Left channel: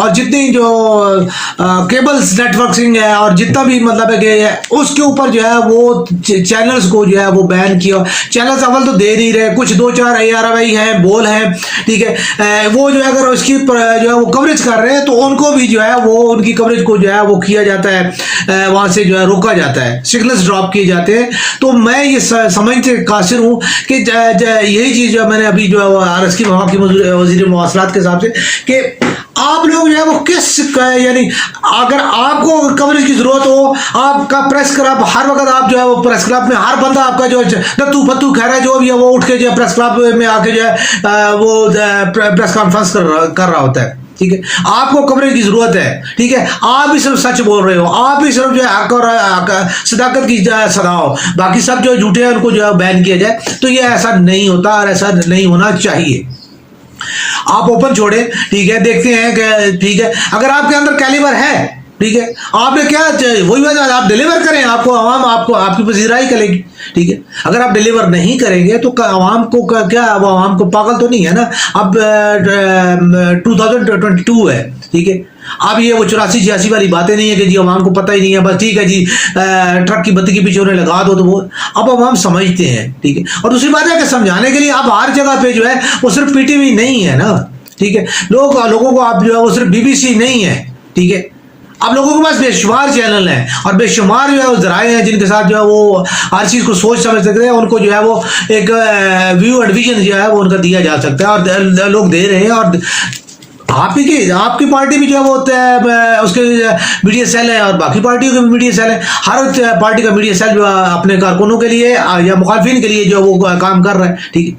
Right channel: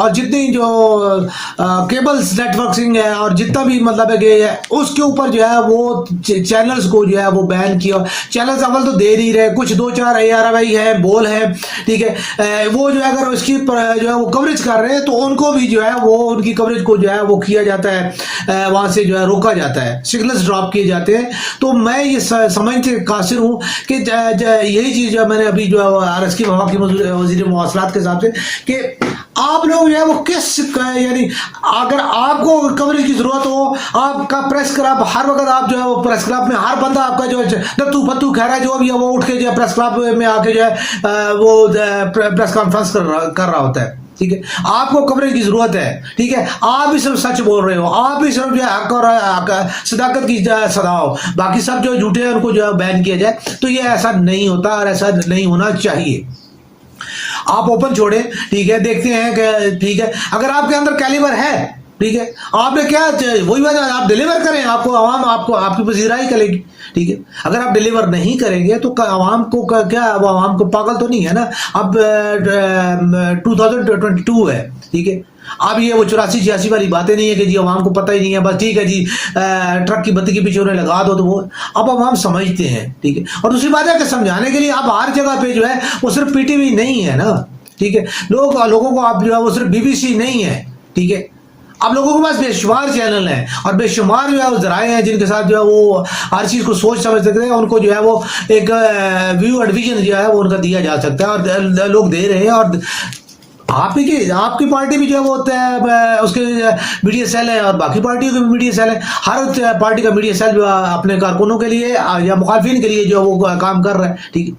اور جتنی جو کیبلز نیٹ ورکنگ ہے اور جتنا بھی مطلب ہے کہ اس کے اوپر جو ہے وہ چینلز کو جو ہے وہ بین کیا. چینلز اول تو دے نہیں رہے, کچھ 2-4 ARI ہیں, بول ہیں, ٹھیک ہے, وہ جو ہے اگر اس کی جو ہے وہ کوریج کر رہے ہیں تو ان کو بھی جو ہے وہ ان کی کوریج کو جو ہے وہ کیا جاتا ہے, وہاں سے جو ہے روکا جاتا ہے, سگنلز ڈراپ کیے جاتے ہیں. تو میں یہ سمجھتے قاصر ہوں کہ یہی چیز جو میں نے ابھی جو ہے عرض کی وفاقی وزیر مواصلات کے حساب سے کہ آپ لوگ جو ہے وہ کس یعنی اگر آپ کو کوریج کی ضرورت ہو, آپ کا پریس کلب ہر وقت آپ جو ہے وہ پریس کلب میں ہر بندہ آپ کا جو نتو پتو خیر ہے جو بھی ہے وہ اٹھ کے جو ہے پریس کلب میں آ کے جو ہے وہ پریس کانفرنس کر رہا ہوتا ہے, ٹھیک ہے. آپ کو کوریج کی ضرورت ہے, ٹھیک ہے, آپ بھی صرف سچ بول رہے ہو, آپ بھی صرف جو ہے حق اور صداقت کی صدا ہو, باقی سب جو جھوٹے ہیں ان کو جو ہے بین کیا جائے. تو یہ ایسا نہیں ہوتا اور ایسا نہیں ہونا چاہیے. آپ اوپن چھوڑیں, ٹھیک ہے, دیکھتے ہیں کہ ٹھیک ہے اگر آپ کے اندر کیلیبر ہے, ٹھیک ہے, آپ نے کیا وہی بات آپ ڈیلیور کریں, آپ کو عوام آپ کو آپ کی پذیرائی کرے گی, ٹھیک ہے. اگر آپ ڈیلیور نہیں کریں گے تو عوام کو کیا, وہ عوام کو پاگل تو نہیں ہے نا. اب 2022 ہے, ٹھیک ہے, اب یہ وہ 84-86 والی باتیں نہیں ہے کہ جی عوام کو پتہ ہی نہیں ہے, بس ٹھیک ہے جی ٹرک کی بتی کے پیچھے انہیں لگا دو, تو وہ اب عوام سمجھتے ہیں, ٹھیک ہے. اور دوسری بات ہے کہ سمجھانے کے لیے اب ہر جگہ پہ جو ہے وہ صرف PTV نہیں ہے نا, ٹھیک ہے, لوگوں کو آپ جو ہے وہ صرف BBC نہیں ہے, ٹھیک ہے. اب لوگوں کے پاس بے شمار چینل ہیں اور بے شمار جو ہے وہ ذرائع ہیں جن کے ساتھ جو ہے وہ ہر چیز کو سوچ سمجھ سکتے ہیں, ان کو جو ہے وہ ایک ویو اینڈ ویژن جو ہے وہ ان کا دیا جا سکتا ہے اور لوگ دے رہے ہیں. اور آپ کی پارٹی بھی جو ہے وہ اس کے میڈیا سیل ہے اور باقی پارٹیوں کے بھی میڈیا سیل ہے. ہر پارٹی کا میڈیا سیل جو اپنے کارکنوں کے لیے یا مخالفین کے لیے جو وہ کام کر رہا ہے, ٹھیک ہے.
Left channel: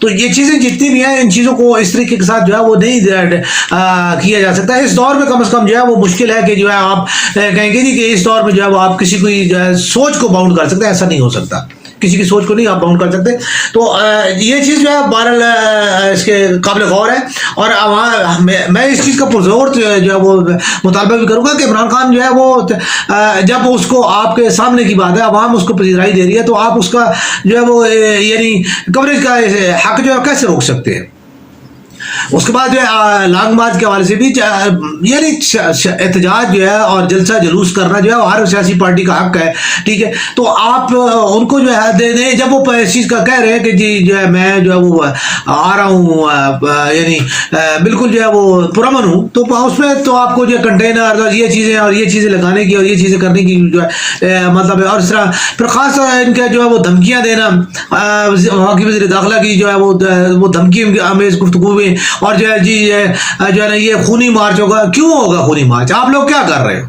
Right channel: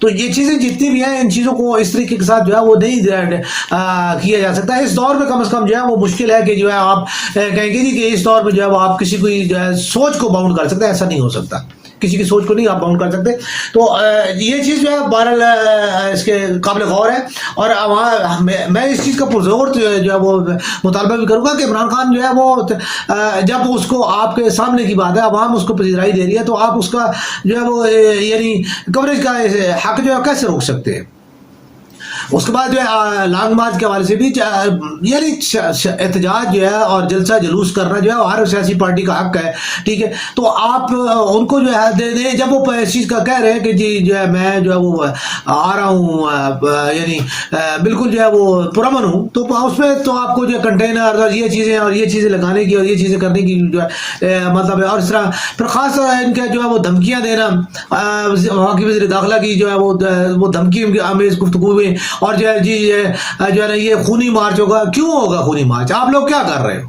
تو یہ چیزیں جتنی بھی ہیں ان چیزوں کو اس طریقے کے ساتھ جو ہے وہ نہیں کیا جا سکتا. اس دور میں کم از کم جو ہے وہ مشکل ہے کہ جو ہے آپ کہیں گے نہیں کہ اس دور میں جو ہے وہ آپ کسی کوئی سوچ کو باؤنڈ کر سکتے ہیں, ایسا نہیں ہو سکتا. کسی کی سوچ کو نہیں آپ باؤنڈ کر سکتے. تو یہ چیز جو ہے بہرحال اس کے قابل غور ہے. اور میں اس چیز کا پرزور جو ہے وہ مطالبہ بھی کروں گا کہ عمران خان جو ہے وہ جب اس کو آپ کے سامنے کی بات ہے, عوام اس کو پذیرائی دے رہی ہے, تو آپ اس کا جو ہے وہ یعنی کوریج کا حق جو ہے کیسے روک سکتے ہیں. اس کے بعد جو ہے لانگ مارچ کے حوالے سے بھی یعنی احتجاج جو ہے اور جلسہ جلوس کرنا جو ہے ہر سیاسی پارٹی کا حق ہے, ٹھیک ہے. تو آپ ان کو جو ہے دے دیں جب وہ اس چیز کا کہہ رہے ہیں کہ جی جو ہے میں جو ہے وہ آ رہا ہوں, یعنی بالکل جو ہے وہ پرامن ہوں, تو اس میں تو آپ کو جو ہے کنٹینر اور یہ چیزیں لگانے کی اور یہ چیزیں کرنے کی جو ہے مطلب ہے. اور اس طرح پھر خاص طور ان کا جو ہے وہ دھمکیاں دینا, وفاقی وزیر داخلہ کی جو ہے وہ دھمکی آمیز گفتگو میں, اور جو ہے جی جو ہے نا یہ خونی مارچ ہوگا. کیوں ہوگا خونی مارچ؟ آپ لوگ کیا کر رہے ہو؟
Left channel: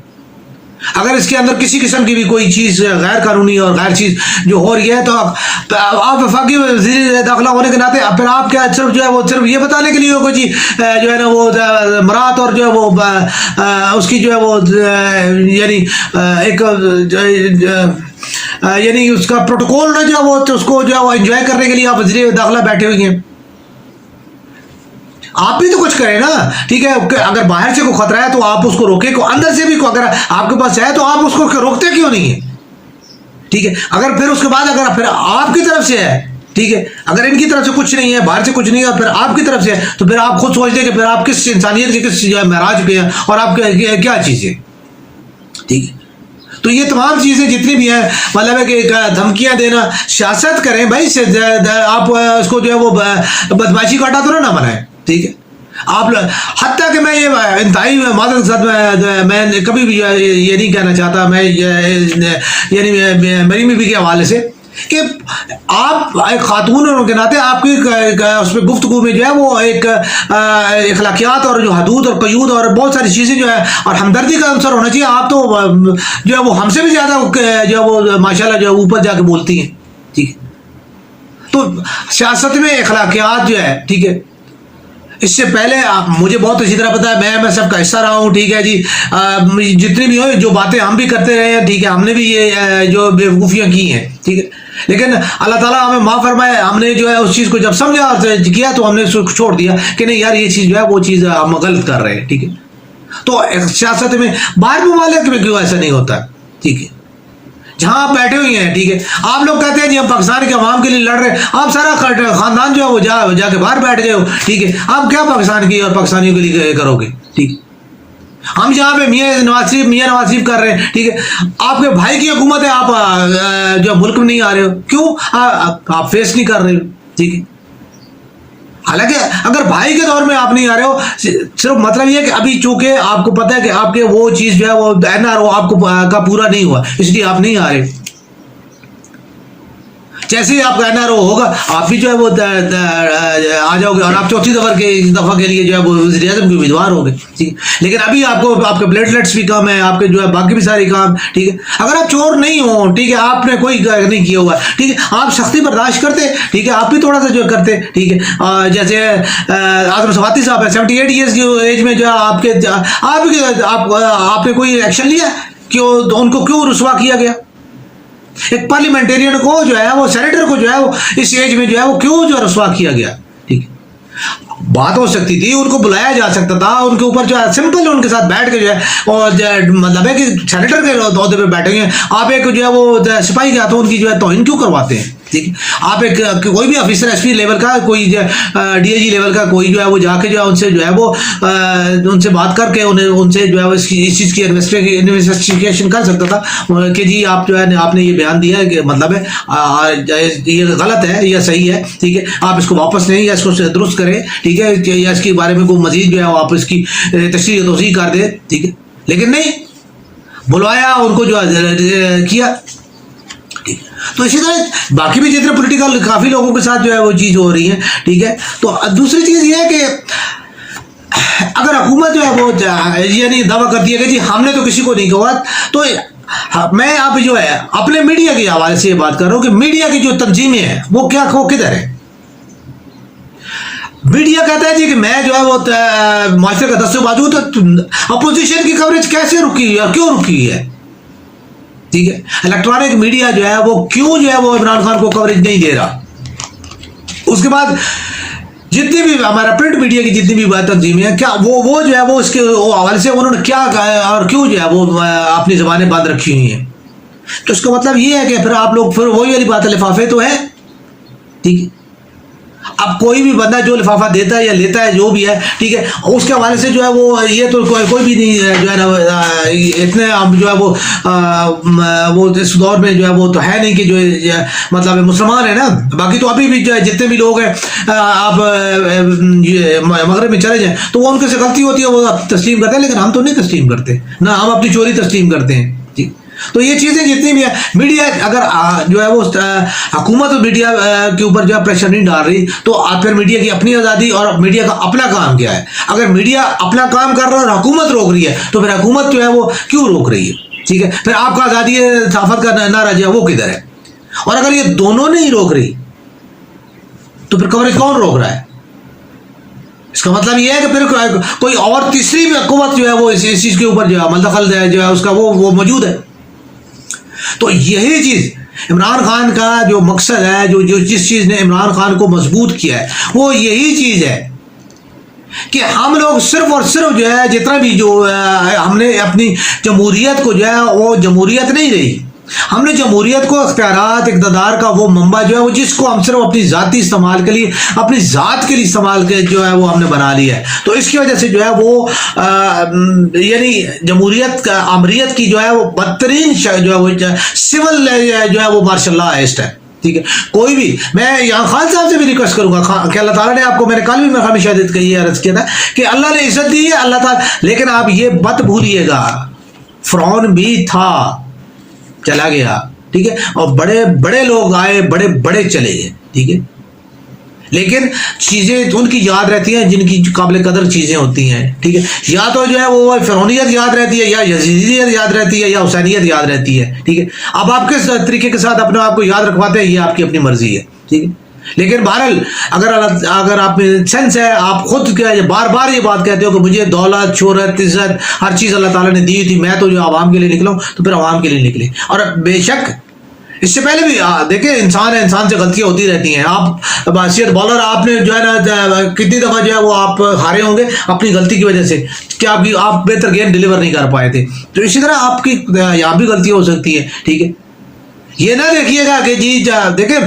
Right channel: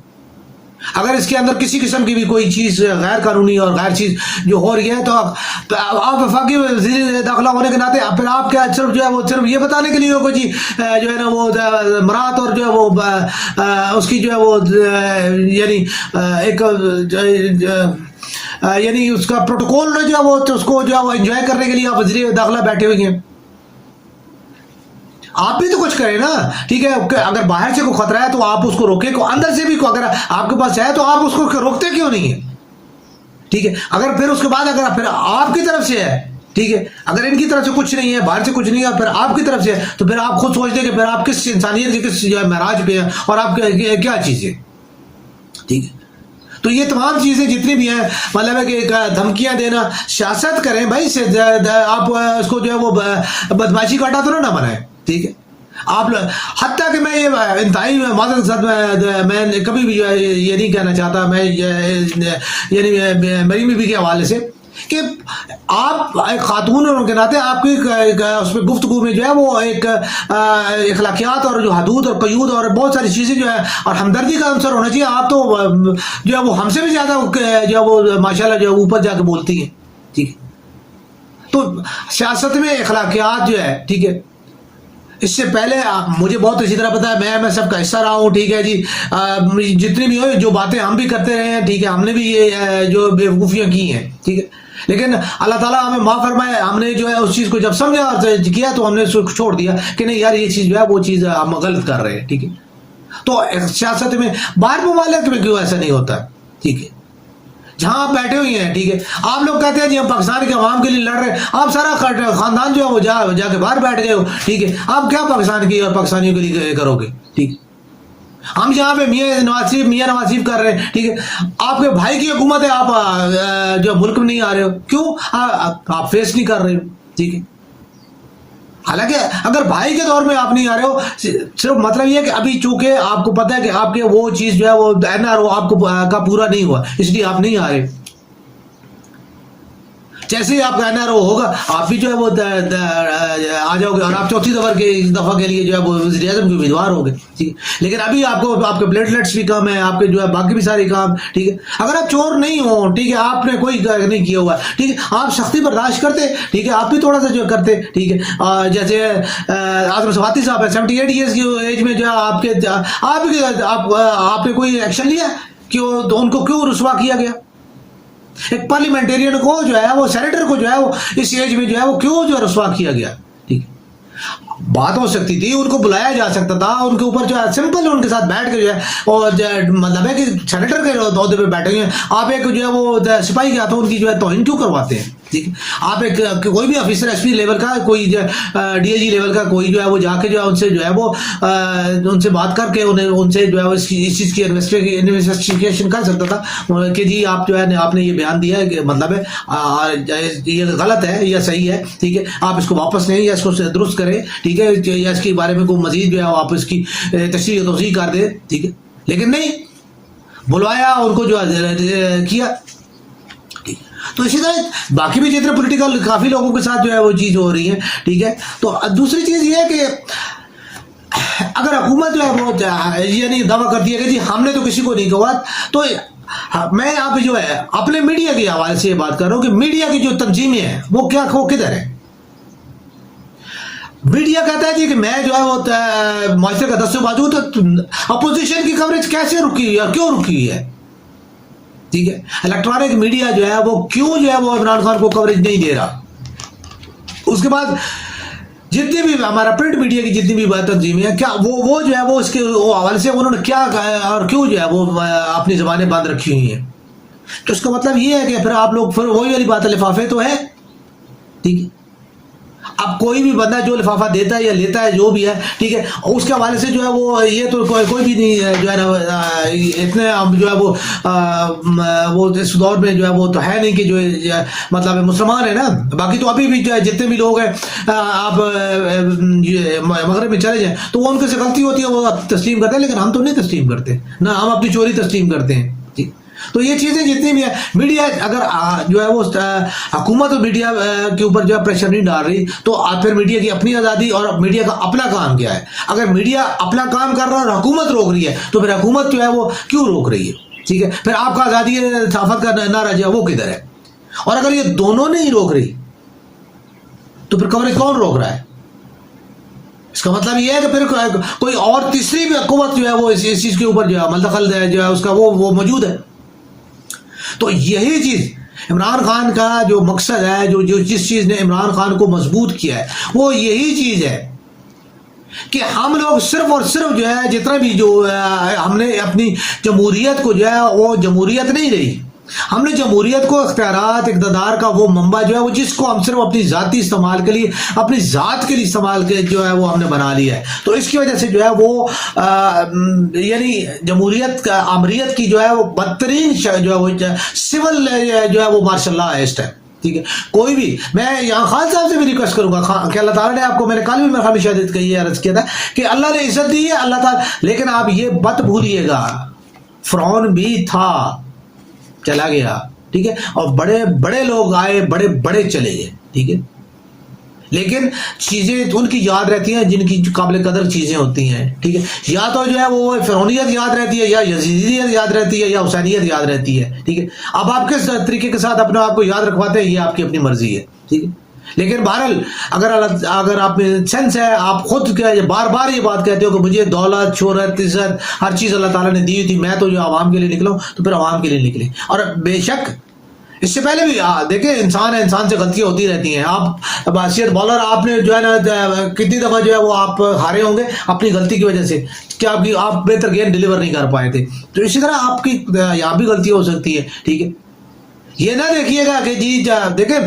اگر اس کے اندر کسی قسم کی بھی کوئی چیز غیر قانونی اور غیر چیز جو ہو رہی ہے تو آپ وفاقی وزیر داخلہ ہونے کے ناطے پھر آپ کیا صرف جو ہے وہ صرف یہ بتانے کے لیے ہوگا جی جو ہے نا وہ مراد اور جو ہے وہ اس کی جو ہے وہ یعنی ایک یعنی اس کا پروٹوکول جو ہے وہ اس کو جو ہے وہ انجوائے کرنے کے لیے آپ وزیر داخلہ بیٹھے ہوئے ہیں. آپ بھی تو کچھ کریں نا, ٹھیک ہے. اگر باہر سے کوئی خطرہ ہے تو آپ اس کو روکیں, اندر سے بھی اگر آپ کے پاس ہے تو آپ اس کو روکتے کیوں نہیں ہیں, ٹھیک ہے. اگر پھر اس کے بعد اگر پھر آپ کی طرف سے ہے, ٹھیک ہے, اگر ان کی طرف سے کچھ نہیں ہے, باہر سے کچھ نہیں ہے, پھر آپ کی طرف سے ہے, تو پھر آپ خود سوچ دیں کہ پھر آپ کس انسانیت کے کس معراج پہ ہیں اور آپ کیا چیز ہے, ٹھیک ہے. تو یہ تمام چیزیں جتنی بھی ہیں مطلب ہے کہ دھمکیاں دینا, سیاست کریں بھائی, آپ اس کو جو ہے وہ بدماشی کا اڈا تو نہ بنائیں, ٹھیک ہے. آپ حتیٰ کہ میں یہ انتہائی معذرت کے ساتھ میں کبھی بھی یہ نہیں کہنا چاہتا, میں یعنی میری بیوی کے حوالے سے کہ آپ ایک خاتون ہونے کے ناطے آپ کی اس پہ گفتگو میں جو ہے وہ ایک اخلاقیات اور جو حدود اور قیود اور بہت ساری چیزیں جو ہے اور ہمدردی کا عنصر ہونا چاہیے. آپ تو جو ہے وہ ہم سے بھی زیادہ جو ہے وہ ماشاءاللہ جو ہے اوپر جا کے بولتی ہیں, ٹھیک ہے. تو سیاست میں اخلاقیات جو ہے, ٹھیک ہے, اس سے پہلے مجھے بہت اچھی طرح پتا ہے, میں سب کا حصہ رہا ہوں, ٹھیک ہے جی. جتنی بھی ہو جو باتیں ہم بھی کرتے رہے ہیں, ٹھیک ہے, ہم نے بھی یہ جو بیوقوفیاں کی ہیں, ٹھیک ہے, لیکن اللہ تعالیٰ ہمیں معاف فرمائے. ہم نے جو ہے اس چیز کو جب سمجھا کیا تو ہم نے چھوڑ دیا کہ نہیں یار یہ چیز جو ہے وہ چیز ہم غلط کر رہے ہیں, ٹھیک ہے. تو سیاست میں باہر ممالک میں کیوں ایسا نہیں ہوتا, ٹھیک ہے, جہاں آپ بیٹھے ہوئے ہیں, ٹھیک ہے. آپ لوگ کہتے ہیں جی ہم پاکستان کے عوام کے لیے لڑ رہے ہیں, آپ سارا خاندان جو ہے وہ جا کے باہر بیٹھ گئے ہو, ٹھیک ہے. آپ کیا پاکستان کی اور پاکستانیوں کے لیے کرو گے, ٹھیک ہے. ہم یہاں پہ میاں نواز شریف کر رہے ہیں، ٹھیک ہے، آپ کے بھائی کی حکومت ہے، آپ جو ملک میں نہیں آ رہے ہو، کیوں آپ فیس نہیں کر رہے ہو، ٹھیک ہے. حالانکہ اگر بھائی کے دور میں آپ نہیں آ رہے ہو، صرف مطلب یہ ہے کہ ابھی چونکہ آپ کو پتہ ہے کہ آپ کے وہ چیز جو ہے وہ NRO آپ کو کا پورا نہیں ہوا، اس لیے آپ نہیں آ رہے. جیسے ہی آپ کا NRO ہوگا آپ بھی جو ہے وہ آ جاؤ گے، اور آپ چوتھی دفعہ کے لیے جو ہے وہ وزیر اعظم کے امیدوار ہو گئے. ٹھیک، لیکن ابھی آپ کو آپ کے پلیٹلیٹس بھی کم ہیں، آپ کے جو ہے باقی بھی سارے کام، ٹھیک ہے. اگر آپ چور نہیں ہو، ٹھیک ہے، آپ نے کوئی نہیں کیا ہوا، ٹھیک ہے، آپ سختی برداشت کرتے، ٹھیک ہے، آپ بھی تھوڑا سا جو کرتے، ٹھیک ہے. جیسے آزم سواتی صاحب ہے 78 ایئرس کی ایج میں جو ہے آپ نے کوئی ایکشن لیا کہ ان کو کیوں رسوا کیا گیا؟ ایک پارلیمنٹرین کو جو ہے وہ سینیٹر کو جو ہے وہ اس ایج میں جو ہے وہ کیوں جو رسوا کیا گیا؟ ٹھیک ہے، بات ہو سکتی تھی، ان کو بلایا جا سکتا تھا، ان کے اوپر جو ہے سمپل ان کے ساتھ بیٹھ کے جو ہے، اور مطلب ہے کہ سینیٹر کے عہدے پہ بیٹھے ہیں، آپ ایک جو ہے وہ سپاہی کے ہاتھوں ان کی جو ہے توہین کیوں کرواتے ہیں؟ ٹھیک ہے، آپ ایک کوئی بھی آفیسر SP لیول کا، کوئی DIG لیول کا کوئی جو ہے وہ جا کے جو ہے ان سے جو ہے وہ ان سے بات کر کے ان سے جو ہے اس چیز کی انویسٹیگیشن کر سکتا تھا کہ جی آپ جو ہے آپ نے یہ بیان دیا ہے کہ مطلب ہے یہ غلط ہے یا صحیح ہے، ٹھیک ہے، آپ اس کو واپس لیں یا اس کو درست کریں، ٹھیک ہے، یا اس کے بارے میں کوئی مزید جو ہے آپ اس کی تشریح توضیح کر دیں، ٹھیک ہے. لیکن نہیں، بلوایا ان کو جو کیا. تو اسی طرح باقی بھی جتنے پولیٹیکل کافی لوگوں کے ساتھ جو ہے وہ چیز ہو رہی ہے، ٹھیک ہے. تو دوسری چیز یہ ہے کہ اگر حکومت جو ہے وہ یعنی دعویٰ کرتی ہے کہ جی ہم نے تو کسی کو نہیں کہا، تو میں اب جو ہے اپنے میڈیا کے حوالے سے یہ بات کر رہا ہوں کہ میڈیا کی جو تنظیمیں ہیں وہ کدھر ہے؟ میڈیا کہتا ہے جی کہ میں جو ہے وہ معاشرے کا دست و بازو، تو اپوزیشن کی کوریج کیسے رکی ہوئی ہے اور کیوں رکی ہوئی ہے؟ ٹھیک ہے، الیکٹرانک میڈیا جو ہے وہ کیوں جو ہے وہ عمران خان کو کوریج نہیں دے رہا؟ اس کے بعد جتنی بھی ہمارا پرنٹ میڈیا کی جتنی بھی تنظیمیں ہیں، کیا وہ جو ہے وہ اس کے حوالے سے انہوں نے کیا کہا اور کیوں جو ہے وہ اپنی زبانیں بند رکھی ہوئی ہیں؟ تو اس کا مطلب یہ ہے کہ پھر آپ لوگ پھر وہی والی بات ہے، لفافے تو ہے، ٹھیک ہے. اب کوئی بھی بندہ جو لفافہ دیتا ہے یا لیتا ہے جو بھی ہے، ٹھیک ہے، اس کے حوالے سے جو ہے وہ یہ تو کوئی بھی نہیں جو ہے نا اتنے جو ہے وہ اس دور میں جو ہے وہ تو ہے نہیں کہ جو مطلب مسلمان ہیں نا. باقی تو ابھی بھی جو ہے جتنے بھی لوگ ہیں آپ مغرب میں چلے جائیں تو وہ ان کے سے غلطی ہوتی ہے وہ تسلیم کرتے ہیں، لیکن ہم تو نہیں تسلیم کرتے، نہ ہم اپنی چوری تسلیم کرتے ہیں. ٹھیک، تو یہ چیزیں جتنی بھی ہیں، میڈیا اگر جو ہے وہ حکومت اور میڈیا کے اوپر جو ہے پریشر نہیں ڈال رہی، تو پھر میڈیا کی اپنی آزادی اور میڈیا کا اپنا کام کیا ہے؟ اگر میڈیا اپنا کام کر رہا ہے اور حکومت روک رہی ہے، تو پھر حکومت جو ہے وہ کیوں روک رہی ہے؟ ٹھیک ہے، پھر آپ کا آزادی صحافت کا نعرہ جو ہے وہ کدھر ہے؟ اور اگر یہ دونوں نہیں روک رہی تو پھر کوریج کون روک رہا ہے؟ اس کا مطلب یہ ہے کہ پھر کوئی اور تیسری بھی حکومت جو ہے وہ اس چیز کے اوپر جو ہے عمل دخل جو ہے اس کا وہ موجود ہے. تو یہی چیز عمران خان کا جو مقصد ہے، جو جس چیز نے عمران خان کو مضبوط کیا ہے، وہ یہی چیز ہے کہ ہم لوگ صرف اور صرف جو ہے جتنا بھی جو ہم نے اپنی جمہوریت کو جو ہے وہ جمہوریت نہیں رہی، ہم نے جمہوریت کو اختیارات اقتدار کا وہ منبع جو ہے وہ جس کو ہم صرف اپنی ذاتی استعمال کے لیے، اپنی ذات کے لیے استعمال کے جو ہے وہ ہم نے بنا لیا ہے. تو اس کی وجہ سے جو ہے وہ یعنی جمہوریت کا آمریت کی جو ہے وہ بدترین جو ہے وہ سول جو ہے وہ ماشاء اللہ ہائسٹ ہے. ٹھیک ہے، کوئی بھی، میں یہاں خان صاحب سے بھی ریکویسٹ کروں گا کہ اللہ تعالیٰ نے آپ کو، میں نے کل بھی میں شہادت کا یہ عرض کیا تھا کہ اللہ نے عزت دی ہے اللہ تعالیٰ، لیکن آپ یہ مت بھولیے گا فرعون بھی تھا، چلا گیا، ٹھیک ہے، اور بڑے بڑے لوگ آئے، بڑے بڑے چلے گئے، ٹھیک ہے، لیکن چیزیں ان کی یاد رہتی ہیں جن کی قابل قدر چیزیں ہوتی ہیں. ٹھیک ہے، یا تو جو ہے وہ فرعونیت یاد رہتی ہے، یا یزیدیت یاد رہتی ہے، یا حسینیت یاد رہتی ہے. ٹھیک ہے، اب آپ کس طریقے کے ساتھ اپنے آپ کو یاد رکھواتے ہیں یہ آپ کی اپنی مرضی ہے. ٹھیک ہے، لیکن بہرحال اگر آپ میں سینس ہے، آپ خود بار بار یہ بات کہتے ہو کہ مجھے دولت، شہرت، عزت، ہر چیز اللہ تعالیٰ نے دی تھی، میں تو جو عوام کے لیے نکلا ہوں، تو پھر عوام کے لیے نکلے. اور بے شک اس سے پہلے بھی دیکھیں انسان ہے، انسان سے غلطیاں ہوتی رہتی ہیں. آپ باسیت بالر آپ نے جو ہے نا کتنی دفعہ جو ہے وہ آپ ہارے ہوں گے اپنی غلطی کی وجہ سے کہ آپ بہتر گیم ڈیلیور نہیں کر پائے تھے. تو اسی طرح آپ کی یہاں بھی غلطیاں ہو سکتی ہے. ٹھیک ہے، یہ نہ دیکھیے گا کہ جی دیکھیں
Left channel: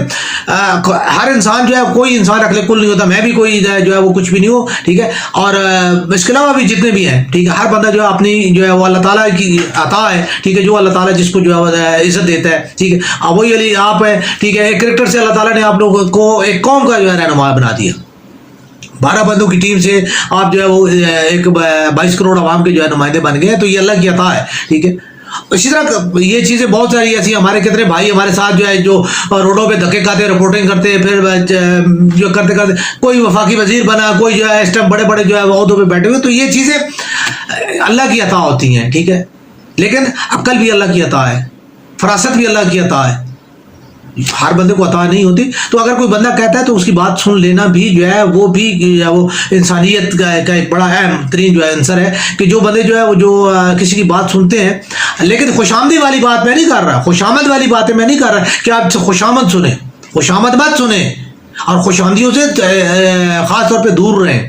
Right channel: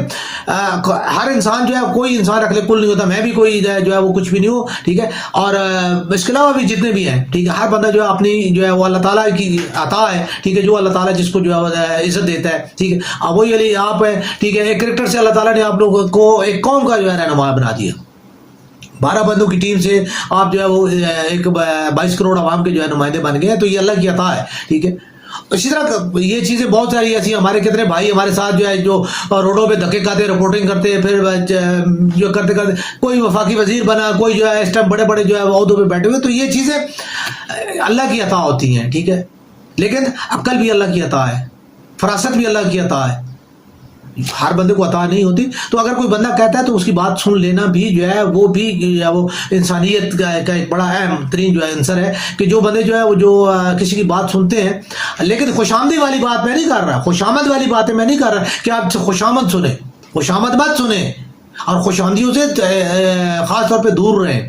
ہر انسان جو ہے کوئی انسان رکھ لے کل نہیں ہوتا، میں بھی کوئی جو ہے وہ کچھ بھی نہیں ہوں، ٹھیک ہے، اور اس کے علاوہ بھی جتنے بھی ہیں، ٹھیک ہے، ہر بندہ جو ہے اپنی جو ہے وہ اللہ تعالیٰ کی عطا ہے، ٹھیک ہے، جو اللہ تعالیٰ جس کو جو ہے وہ عزت دیتا ہے، ٹھیک ہے، اب وہی علی آپ ہے، ٹھیک ہے، ایک کرکٹر سے اللہ تعالیٰ نے آپ لوگوں کو ایک قوم کا جو ہے رہنما بنا دیا، 12 بندوں کی ٹیم سے آپ جو ہے وہ ایک 22 کروڑ عوام کے جو ہے نمائندے بن گئے ہیں، تو یہ اللہ کی عطا ہے، ٹھیک ہے۔ اسی طرح یہ چیزیں بہت ساری ایسی، ہمارے کتنے بھائی ہمارے ساتھ جو ہے جو روڈوں پہ دھکے کھاتے رپورٹنگ کرتے، پھر جو کرتے کرتے کوئی وفاقی وزیر بنا، کوئی جو ہے اس ٹائم بڑے بڑے جو ہے عہدوں پہ بیٹھے ہوئے، تو یہ چیزیں اللہ کی عطا ہوتی ہیں، ٹھیک ہے، لیکن عقل بھی اللہ کی عطا ہے، فراست بھی اللہ کی عطا ہے، ہر بندے کو عطا نہیں ہوتی۔ تو اگر کوئی بندہ کہتا ہے تو اس کی بات سن لینا بھی جو ہے وہ بھی وہ انسانیت کا ایک بڑا اہم ترین جو ہے عنصر ہے، کہ جو بندے جو ہے وہ جو کسی کی بات سنتے ہیں، لیکن خوش آمدی والی بات میں نہیں کر رہا، خوش آمد والی باتیں میں نہیں کر رہا کہ آپ خوش آمد سنیں، خوش آمد مت سنیں، اور خوش آمدیوں سے خاص طور پہ دور رہیں،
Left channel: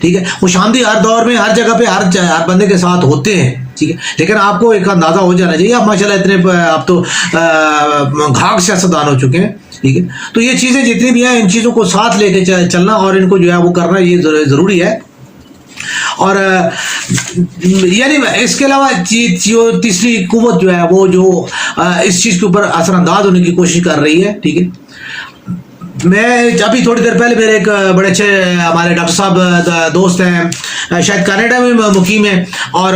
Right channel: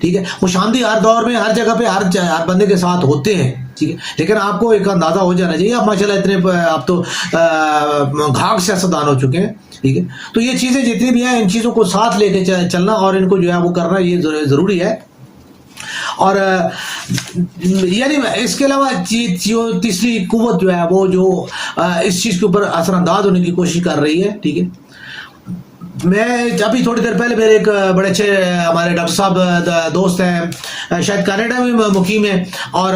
ٹھیک ہے۔ خوش آمدی ہر دور میں ہر جگہ پہ ہر بندے کے ساتھ ہوتے ہیں، ٹھیک ہے، لیکن آپ کو ایک اندازہ ہو جانا چاہیے، آپ ماشاءاللہ اتنے آپ تو گھاگ سیاستدان ہو چکے ہیں، ٹھیک ہے، تو یہ چیزیں جتنی بھی ہیں ان چیزوں کو ساتھ لے کے چلنا اور ان کو جو ہے وہ کرنا یہ ضروری ہے۔ اور یعنی اس کے علاوہ تیسری قوت جو ہے وہ جو اس چیز کے اوپر اثر انداز ہونے کی کوشش کر رہی ہے، ٹھیک ہے۔ میں ابھی تھوڑی دیر پہلے میرے ایک بڑے اچھے ہمارے ڈاکٹر صاحب دوست ہیں، شاید کینیڈا میں مقیم ہیں، اور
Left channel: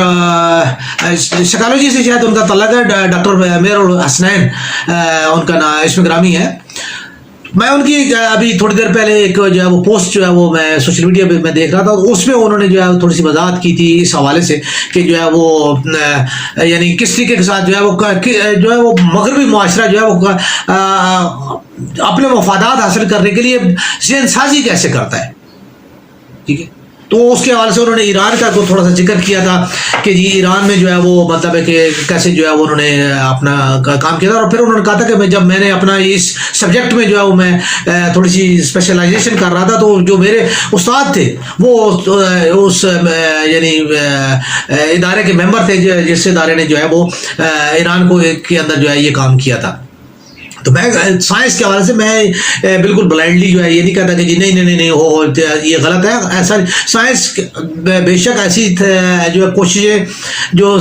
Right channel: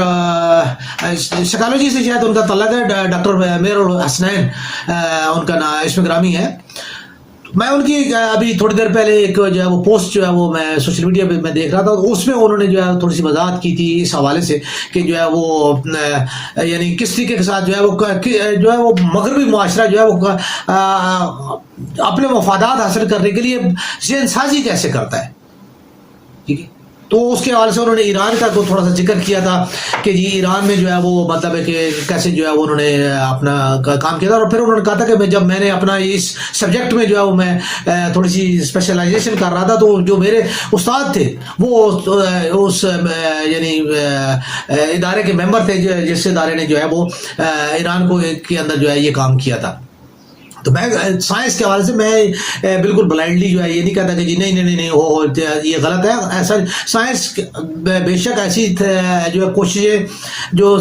سائیکالوجی سے شاید ان کا تعلق ہے، ڈاکٹر میر الحسنین ان کا نام اسم گرامی ہے۔ میں ان کی ابھی تھوڑی دیر پہلے ایک جو ہے وہ پوسٹ جو ہے وہ میں سوشل میڈیا پہ میں دیکھ رہا تھا، اس میں انہوں نے جو ہے تھوڑی سی وضاحت کی تھی اس حوالے سے کہ جو ہے وہ یعنی کس طریقے کے ساتھ جو ہے وہ مغربی معاشرہ جو ہے وہ اپنے مفادات حاصل کرنے کے لیے ذہن سازی کیسے کرتا ہے، ٹھیک ہے۔ تو اس کے حوالے سے انہوں نے ایران کا کو تھوڑا سا ذکر کیا تھا کہ جی ایران میں جو ہے وہ مطلب ہے کہ کیسے جو ہے وہ انہوں نے اپنا کام کیا تھا، اور پھر انہوں نے کہا تھا کہ جب میں نے اپنا اس سبجیکٹ میں جو ہے وہ میں تھوڑی سی اسپیشلائزیشن کر رہا تھا، تو جو میرے استاد تھے وہ اس یعنی ادارے کے ممبر تھے جس ادارے نے جو ہے وہ ایران کو کے اندر جو ہے یہ کام کیا تھا۔ تو میں سائنس کے حوالے سے میں بالکل بلائنڈلی جو ہے یہ نہیں کہتا کہ جی نہیں ہو یہ غلط ہے، ایسا سائنس بے شک ایسی جو ہے کوششیں جو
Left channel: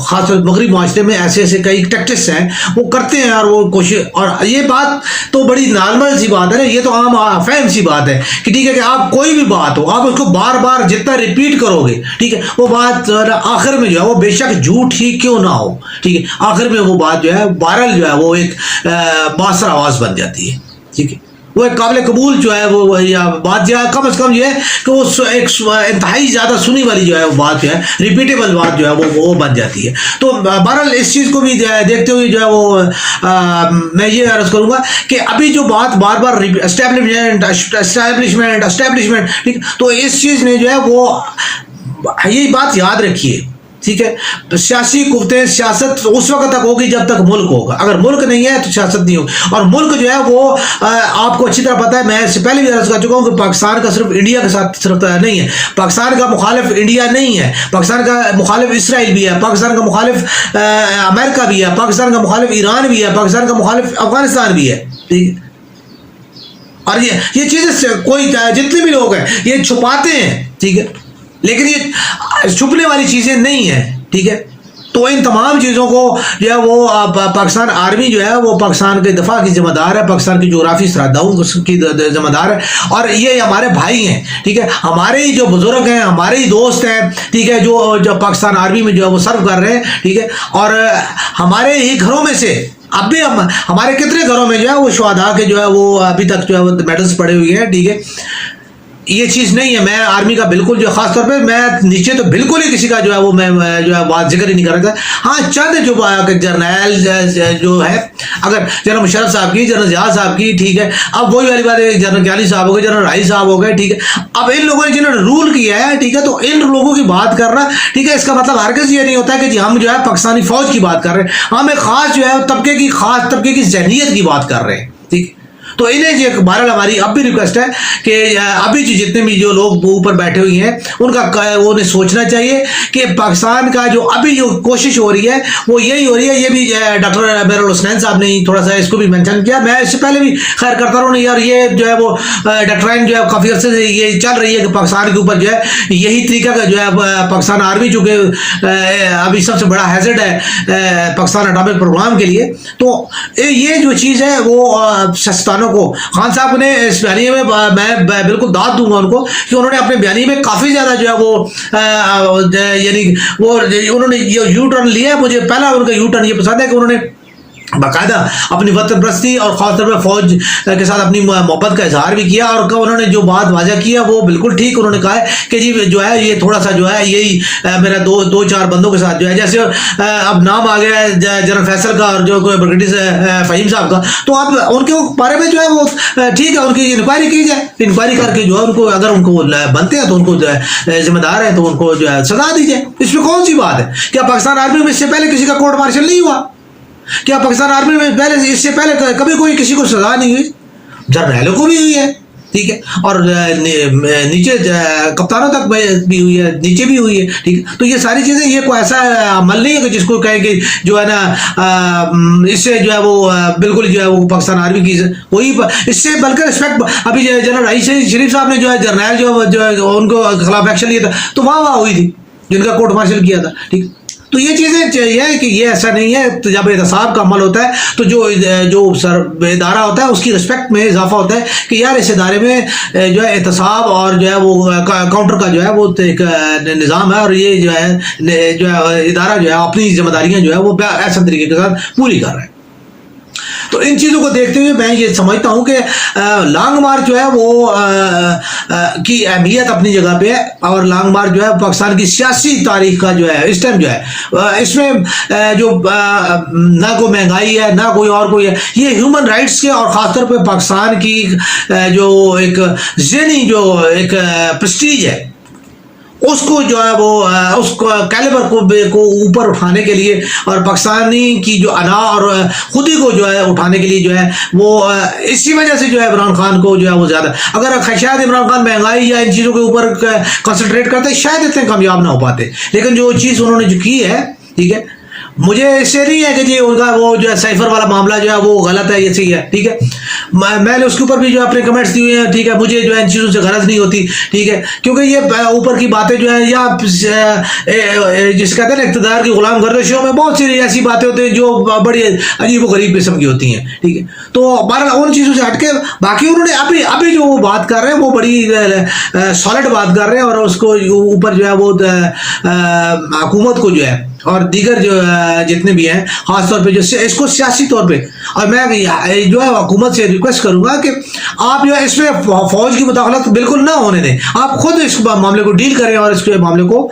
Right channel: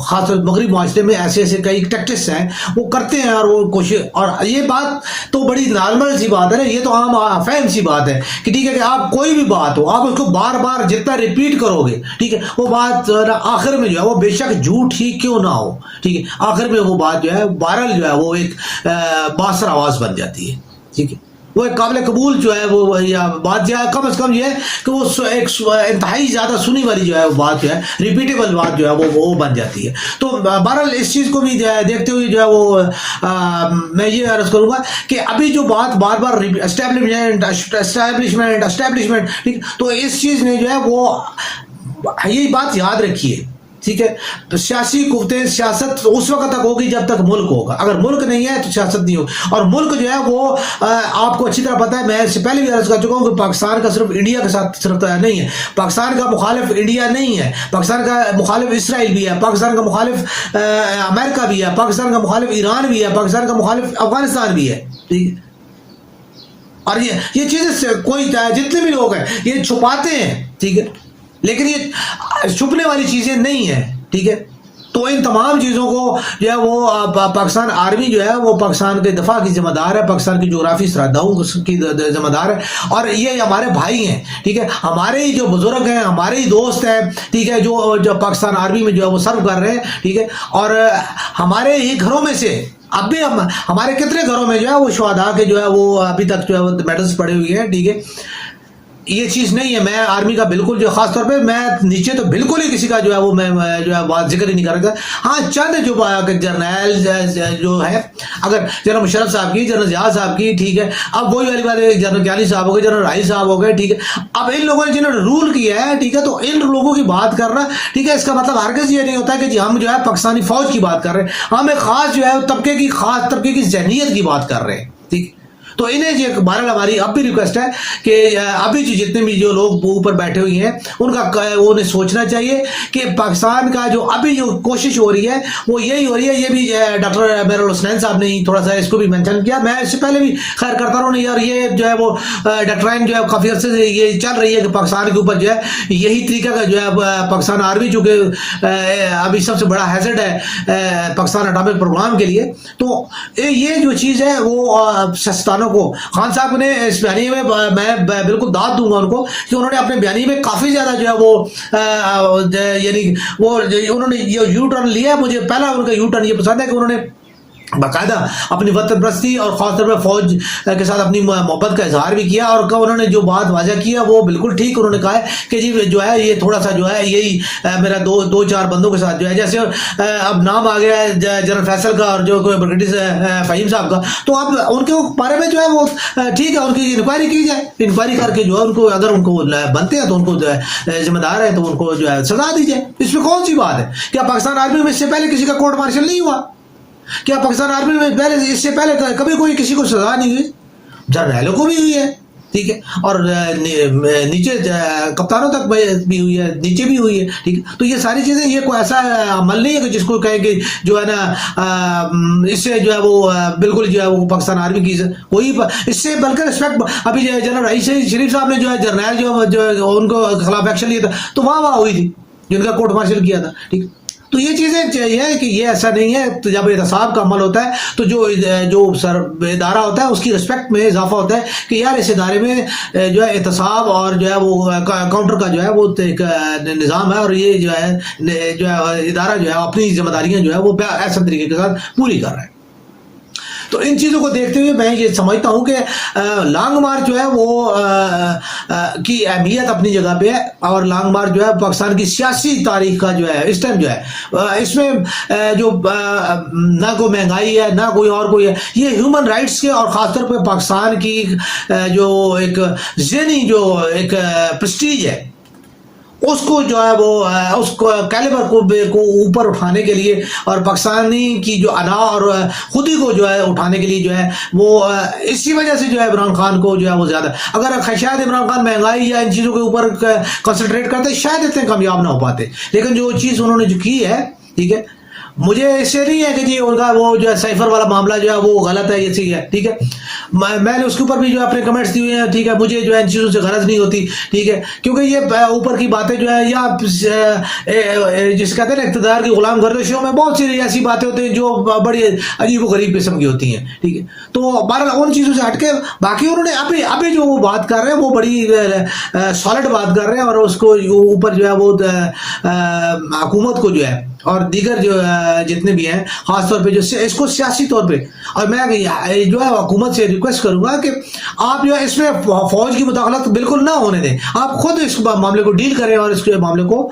خاص طور مغربی معاشرے میں ایسے کئی ٹیکٹکس ہیں وہ کرتے ہیں، اور وہ کوشش، اور یہ بات تو بڑی نارمل سی بات ہے نا، یہ تو عام فہم سی بات ہے کہ ٹھیک ہے کہ آپ کوئی بھی بات ہو آپ اس کو بار بار جتنا ریپیٹ کرو گے، ٹھیک ہے، وہ بات آخر میں جو ہے وہ بے شک جھوٹ ہی کیوں نہ ہو، ٹھیک ہے، آخر میں وہ بات جو ہے وائرل جو ہے وہ ایک باثر آواز بن جاتی ہے، ٹھیک ہے، وہ ایک قابل قبول جو ہے وہ یا بات جو ہے کم از کم یہ ہے کہ وہ ایک انتہائی زیادہ سنی والی جو ہے وہ بات جو ہے ریپیٹیبل بات جو ہے وہ بن جاتی ہے۔ تو بہرحال اس چیز کو بھی دیکھتے ہوئے جو ہے وہ میں یہ عرض کروں گا کہ ابھی جو بات بار بار اسٹیبلشمنٹ، ٹھیک، تو اس چیز نے جو ہے وہ یہ بات یاد رکھیے، ٹھیک ہے، سیاسی قوتیں سیاست اس وقت تک ہوگی جب تک ملک ہوگا، اگر ملک نہیں ہے تو سیاست نہیں ہوگی، اور ملک جو ہے وہ آپ کو اچھی طرح پتہ ہے، میں اس سے پہلے بھی عرض کر چکا ہوں کہ پاکستان کا صرف انڈیا کے ساتھ صرف نہیں ہے، پاکستان کا مخالف انڈیا نہیں ہے، پاکستان کا مخالف اسرائیل بھی ہے، پاکستان کا مخالف امریکہ بھی ہے، پاکستان کا مخالف ایران بھی ہے، پاکستان کا مخالف افغانستان بھی ہے، ٹھیک ہے، اور یہ چیزیں کوئی جتنے بھی لوگ ہیں یہ چھپاتے ہیں، ٹھیک ہے، لیکن یہ چھپنے والی چیزیں نہیں ہیں، ٹھیک ہے۔ تو ان تمام چیزوں کو جو ہے وہ پاکستان آرمی جو ہے وہ پاکستان کے دفاع کی ذمہ دار ہے، پاکستان کی جغرافی سرحدوں کی ذمہ دار ہے، اور یہ ہمارے بھائی ہیں، ٹھیک ہے، ہمارے ہی جو بزرگ ہیں، ہمارے ہی دوست ہیں، ٹھیک ہے، جو پاکستان آرمی میں جو ہے وہ سرو کر رہے ہیں، ٹھیک ہے، اور ہمارے ہی گھروں میں سے اب بھی ہمارے کتنے گھروں میں جو ہے وہ شہداء کے جو ہے وہ ابھی تک جو ہے وہ میڈلز پڑے ہوئے ہیں، ٹھیک ہے۔ یہ چیز نہیں ہے، میں آرمی کا بالکل جو خاص طور پہ میں نیچے تو بالکل ہی کسی کا جو ہے وہ میں جو ہے بات ذکر ہی نہیں کر رہا تھا، ہاں چند جو جرنیل جو ہے، اگر جنرل مشرف صاحب کی، جنرل ضیاء صاحب کی، ٹھیک ہے، اب وہی والی بات ہے، جنرل کیانی صاحب ہو گئے، جنرل رائی صاحب ہو گئے، ٹھیک ہے، اب ان لوگوں نے جنہوں نے رول کیا ہے، ٹھیک ہے، تو ان لوگوں کی بات کرنا، ٹھیک ہے، اس کا مطلب ہرگز یہ نہیں ہوتا ہے کہ جی ہم جو ہے پاکستانی فوج کی بات کر رہے ہیں، ہم ایک خاص جو ہے خاص طبقے کی ذہنیت کی بات کر رہے ہیں، ٹھیک ہے۔ تو انہیں جو بہرحال ہماری اب بھی ریکویسٹ ہے کہ ابھی جتنے بھی جو لوگ اوپر بیٹھے ہوئے ہیں ان کا انہیں سوچنا چاہیے کہ پاکستان کا جو ابھی جو کوشش ہو رہی ہے وہ یہی ہو رہی ہے. یہ بھی ڈاکٹر میرا حسنین صاحب نے تھوڑا سا اس کو بھی مینشن کیا. میں اس سے پہلے بھی خیر کرتا رہا ہوں یار, یہ جو ہے وہ ڈاکٹرائن جو ہے کافی عرصے سے یہ چل رہی ہے کہ پاکستان کے اوپر جو ہے یہی طریقہ کا جو ہے پاکستان آرمی چونکہ ابھی سب سے بڑا ہیزرڈ ہے پاکستان اٹامک پروگرام کے لیے, تو یہ جو چیز ہے وہ سیاستدانوں کو, خان صاحب نے اس بیانیے میں میں بالکل داد دوں گا ان کو کہ انہوں نے اپنے بیانیے میں کافی زیادہ جو ہے وہ یعنی وہ انہوں نے یو ٹرن لیا ہے. مجھے پہلا ان کا یو ٹرن یہ پسند ہے کہ انہوں نے باقاعدہ اپنی وطن پرستی اور خاص طور پہ فوج کے ساتھ اپنی محبت کا اظہار بھی کیا, اور انہوں نے جو بات واضح کیا وہ بالکل ٹھیک. انہوں نے کہا ہے کہ جی جو ہے یہ تھوڑا سا جو ہے یہی میرا دو چار بندوں کے ساتھ جو ہے, جیسے اب نام آ گیا ہے جنرل فیصل کا اور جو بریگیڈیئر فہیم صاحب کا, تو اب ان کے بارے میں جو ہے وہ ٹھیک ہے ان کی انکوائری کی جائے, انکوائری کر کے جو ہے ان کو اگر ان کو بنتے ہیں تو ان کو جو ہے ذمہ دار ہے تو ان کو جو ہے سزا دی جائے. اس میں کون سی بات ہے؟ کیا پاکستان آرمی میں اس سے پہلے کسی کا کورٹ مارشل نہیں ہوا؟ کیا پاکستان آرمی میں پہلے اس سے پہلے کبھی کوئی کسی کو سزا نہیں ہوئی؟ جرنیلوں کو بھی ہوئی ہے, ٹھیک ہے, اور نیچے کپتانوں تک بھی ہوئی ہے, نیچے بھی ہوئی ہے, ٹھیک ہے. تو یہ ساری چیزیں یہ کوئی ایسا عمل نہیں ہے کہ جس کو کہیں کہ جو ہے نا اس سے جو ہے وہ بالکل جو ہے وہ پاکستان آرمی کی کوئی اس سے بلکہ رسپیکٹ. ابھی جنرل رئیس شریف صاحب نے جو ہے جرنیل جو ان کو خلاف ایکشن لیا تھا تو وہاں ہوئی تھی جن کا کورٹ مارشل کیا تھا, ٹھیک. تو یہ چیزیں چاہیے کہ یہ ایسا نہیں ہے. جب احتساب کا عمل ہوتا ہے تو جو ادارہ ہوتا ہے اس کی رسپیکٹ میں اضافہ ہوتا ہے کہ یار اس ادارے میں جو ہے احتساب اور جو ہے وہ کاؤنٹر کا جو ہے وہ ایک نظام ہے, اور یہ جو ہے ادارہ جو ہے اپنی ذمہ داریاں جو ہے وہ ایسا طریقے کے ساتھ پوری کر رہا ہے. تو ان چیزوں کو دیکھتے ہوئے میں یہ سمجھتا ہوں کہ لانگ مارچ جو ہے وہ کی اہمیت اپنی جگہ پہ ہے, اور لانگ مارچ جو ہے پاکستان کی سیاسی تاریخ کا جو ہے اس ٹائم جو ہے اس میں جو نہ کوئی مہنگائی ہے نہ کوئی اور کوئی ہے, یہ ہیومن رائٹس کے اور خاص طور پہ پاکستان کی جو ایک ذہنی جو ایک پرسٹیج ہے اس کو جو ہے وہ اس کیلیبر کو اوپر اٹھانے کے لیے, اور پاکستانی کی جو انا اور خودی کو جو ہے اٹھانے کے لیے جو ہے وہ اسی وجہ سے جو ہے عمران خان کو جو ہے وہ زیادہ, اگر شاید عمران خان مہنگائی یا ان چیزوں کے اوپر کنسنٹریٹ کرتے شاید اتنے کامیاب نہ ہو پاتے, لیکن جو چیز انہوں نے جو کی ہے, ٹھیک ہے, مجھے اس سے نہیں ہے کہ جی ان کا وہ جو ہے سائفر والا معاملہ جو ہے وہ غلط ہے, یہ صحیح ہے, ٹھیک ہے. میں نے اس کے اوپر بھی جو اپنے کمنٹس دیے ہیں, ٹھیک ہے. مجھے جو ہے ان چیزوں سے غرض نہیں ہوتی, ٹھیک ہے, کیونکہ یہ اوپر کی باتیں جو ہیں یا جس کہتے ہیں اقتدار کی غلام گردشوں میں بہت سی ایسی باتیں ہوتی ہیں جو بڑی عجیب و غریب قسم کی ہوتی ہیں, ٹھیک ہے. تو بہرحال ان چیزوں سے ہٹ کے باقی انہوں نے ابھی جو وہ بات کر رہے ہیں وہ بڑی سالڈ بات کر رہے ہیں, اور اس کو اوپر جو ہے وہ حکومت کو جو ہے اور دیگر جو جتنے بھی ہیں خاص طور پہ جو اس کو سیاسی طور پہ, اور میں جو ہے حکومت سے ریکویسٹ کروں گا کہ آپ جو ہے اس میں فوج کی مداخلت بالکل نہ ہونے دیں, آپ خود اس معاملے کو ڈیل کریں اور اس کے معاملے کو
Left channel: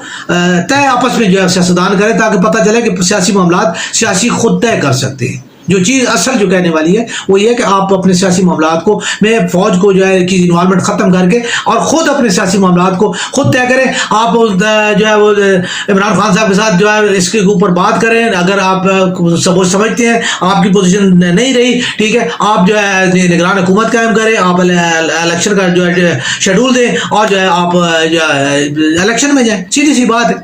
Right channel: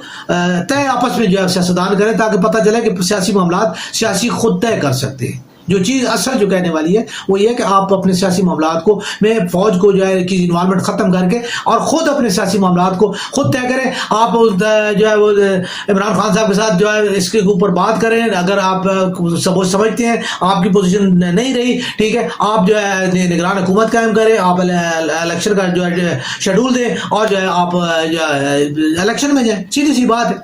طے آپس میں جو ہے سیاستدان کریں, تاکہ پتہ چلے کہ سیاسی معاملات سیاسی خود طے کر سکتے ہیں. جو چیز اصل جو کہنے والی ہے وہ یہ کہ آپ اپنے سیاسی معاملات کو میں فوج کو جو ہے کی انوالومنٹ ختم کر کے اور خود اپنے سیاسی معاملات کو خود طے کریں. آپ جو ہے وہ عمران خان صاحب کے ساتھ جو ہے اس کے اوپر بات کریں, اگر آپ سمجھتے ہیں آپ کی پوزیشن نہیں رہی, ٹھیک ہے, آپ جو ہے نگران حکومت قائم کریں, آپ الیکشن کا جو ہے شیڈول دیں اور جو ہے آپ جو ہے الیکشن میں جائیں. سیدھی سی بات ہے.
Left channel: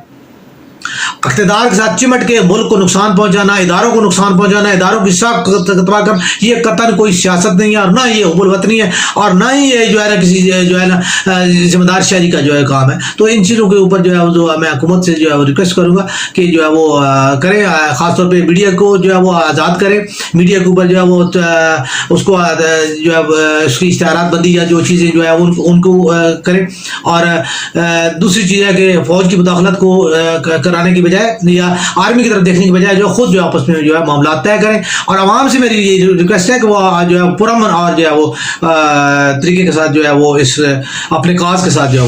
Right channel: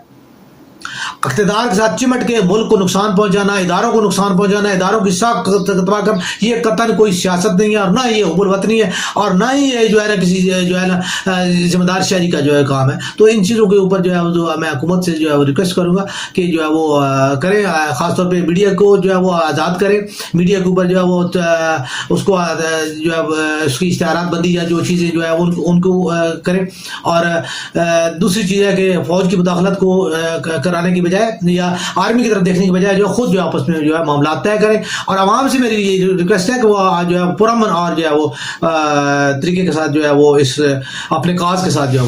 اقتدار کے ساتھ چمٹ کے ملک کو نقصان پہنچانا, اداروں کو نقصان پہنچانا, اداروں کی ساکھ تباہ کرنا, یہ قطعاً کوئی سیاست نہیں ہے, اور نہ یہ حب الوطنی ہے, اور نہ ہی یہ جو ہے نا کسی جو ہے نا ذمہ دار شہری کا جو ہے کام ہے. تو ان چیزوں کے اوپر جو ہے جو میں حکومت سے جو ہے ریکویسٹ کروں گا کہ جو ہے وہ کریں, خاص طور پہ میڈیا کو جو ہے وہ آزاد کریں, میڈیا کے اوپر جو ہے وہ اس کو جو ہے اس کی اشتہارات بندی یا جو چیزیں جو ہے ان کو کریں. اور دوسری چیز ہے کہ فوج کی مداخلت کو کرانے کی بجائے یا آرمی کی طرف دیکھنے کی بجائے جو خود جو آپس میں جو ہے معاملات طے کریں. اور عوام سے میری یہ ریکویسٹ ہے کہ وہ جو ہے پرامن اور جو ہے وہ طریقے کے ساتھ جو ہے وہ اس اپنے کاز کے ساتھ جو ہے